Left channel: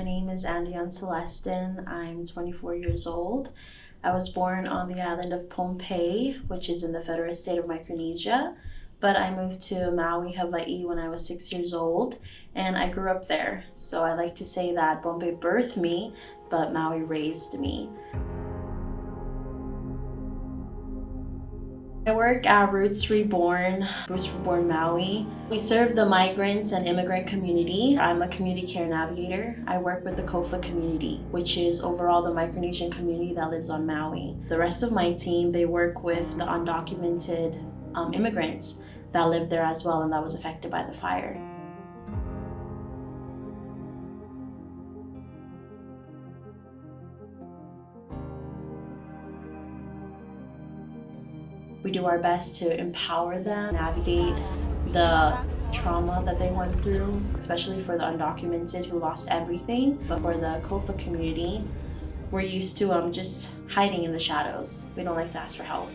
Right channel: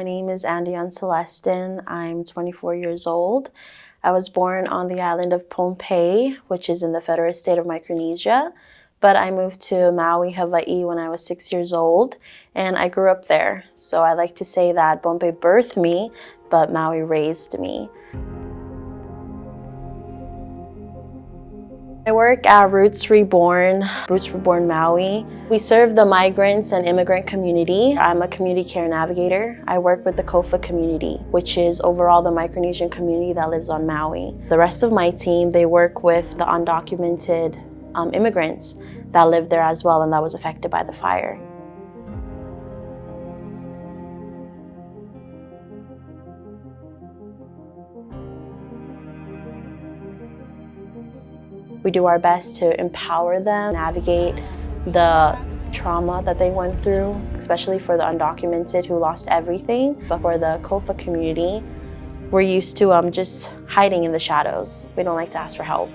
My name is AnnDionne's. I'm 24 years old. I was born on the island of Pohnpei, which is in the federal state of Micronesia, but I moved to Maui, Hawaii when I was 6 years old, and I grew up there. So I like to say that Pohnpei birthed me, but Maui raised me. I work at Roots Reborn Maui. We serve the migrants and immigrant community. I'm a community care navigator. I work with the Kofa community, which is overall the Micronesian community that lives on Maui. The rest of my team, they work with the undocumented immigrants that live there as well and that was affected by the fire. We do our best to empower them, navigate the trauma that they went through, especially for the undocumented who lost everything. But for the Kofa community, we're used to just hiding in the shadows. We don't like to ask for help.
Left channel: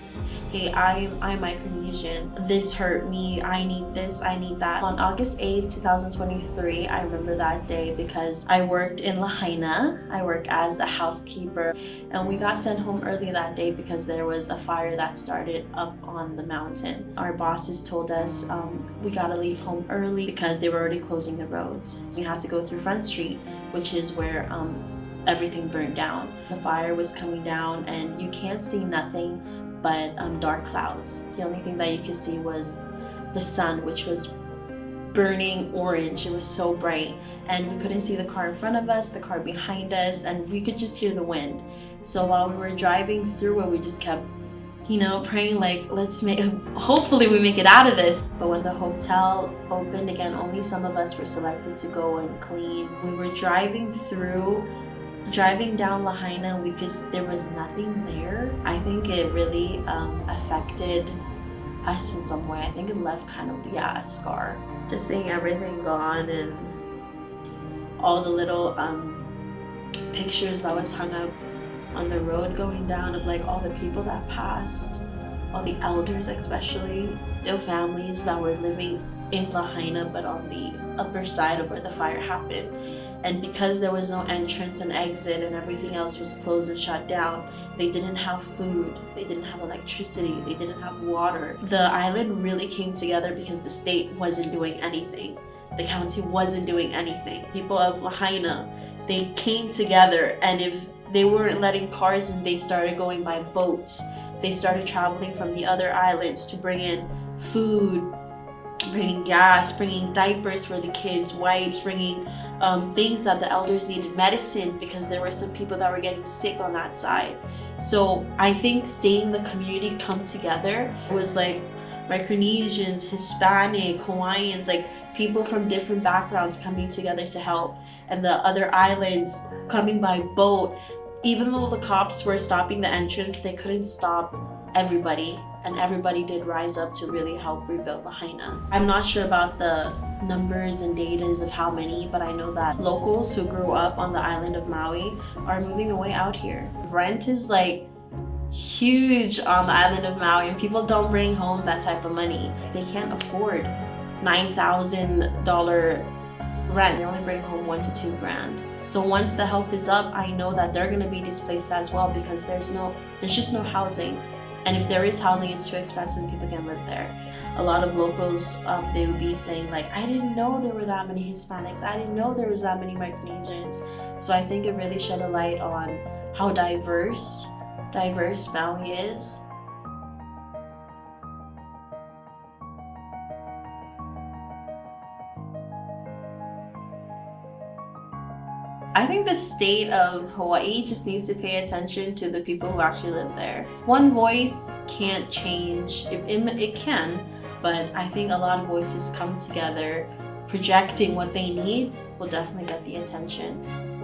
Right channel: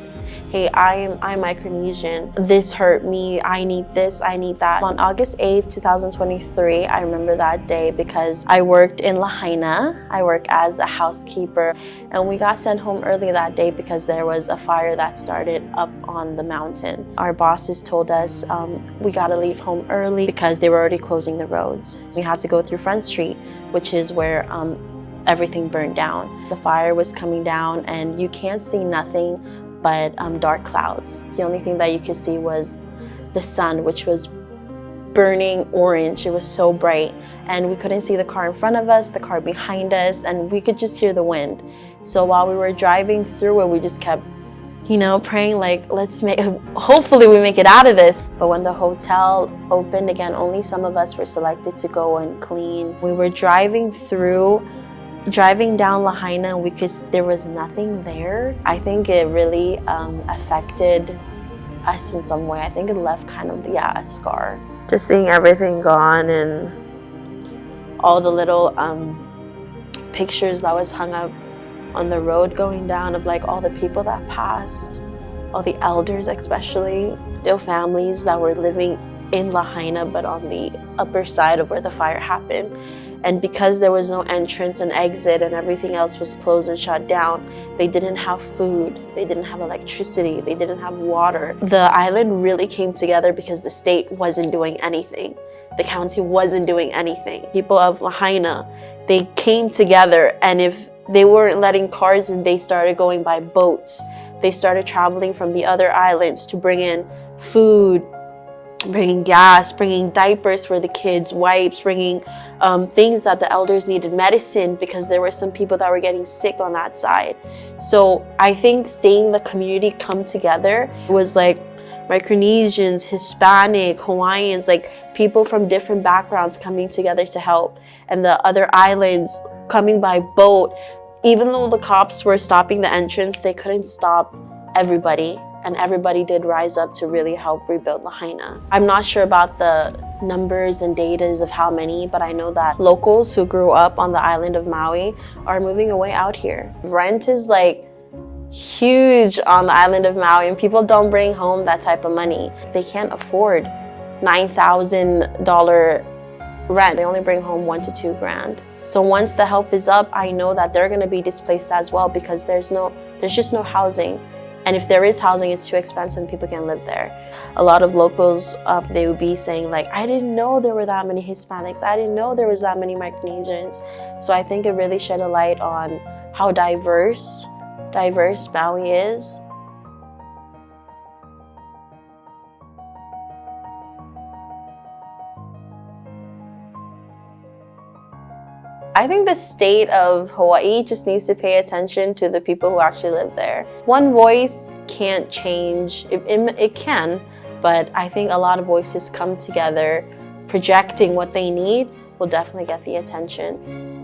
Hey, I'm Micronesian. This hurt me. I need this, I need that. On August 8th, 2023, I remember that day because I worked in Lahaina. I work as a housekeeper, and we got sent home early that day because there was a fire that started up on the mountain. Our bosses told us we gotta leave home early because they were already closing the roads. We had to go through Front Street, which is where everything burned down. The fire was coming down and you can't see nothing but dark clouds. The only thing that you could see was the sun, which was burning orange. It was so bright and we couldn't see the car in front of us, the car behind us, and we could just hear the wind. So while we were driving through it, we just kept praying like, hopefully we make it out of this. But when the hotel opened again, only some of us were selected to go and clean. We were driving down Lahaina, and there was nothing there. I think it really affected us in some way. I think it left kind of, a scar. Just seeing everything gone and all the little pictures that was hung up on the road going down of like all the people that passed, all the elders especially, their families that were living in Lahaina but on the upper side of where the fire happened. And because there was no entrance and exit and everything else was closed and shut down, they didn't have food, they didn't have electricity, they didn't have water. The island really came together because the state wasn't doing anything. The county wasn't doing anything. People of Lahaina, they came together, and if they weren't letting cars in, they started going by boats. They started traveling from the other islands to bring in food, bringing gas, bringing diapers for the kids, wipes, bringing things that the elders needed, medicine, because there were some people that were getting sick on that side. So I think seeing the community come together was like Micronesians, Hispanic, Hawaiians, like people from different backgrounds coming together to help, and the other islands coming by boat. Even though the cops were stopping the entrance, they couldn't stop everybody, and everybody did rise up to really help rebuild Lahaina. I'm not sure about the numbers and datas of how many, but I know that locals who grew up on the island of Maui are moving away out here. Rent is like huge on the island of Maui, and people don't bring home that type of money. They can't afford $9,000 rent. They only bring home $1 to $2 grand. So once the help is up, I know that they're going to be displaced as well because there's just no housing. And if there is housing, it's too expensive and people can't live there. A lot of locals, they would be saying like, I didn't know there were that many Hispanics. I didn't know there was that many Micronesians. So I think it really shed a light on how diverse Maui is. I think the state of Hawaii just needs to pay attention to the people who actually live there. One voice can't change, it can, but I think a lot of voices come together, projecting what they need will definitely get the attention.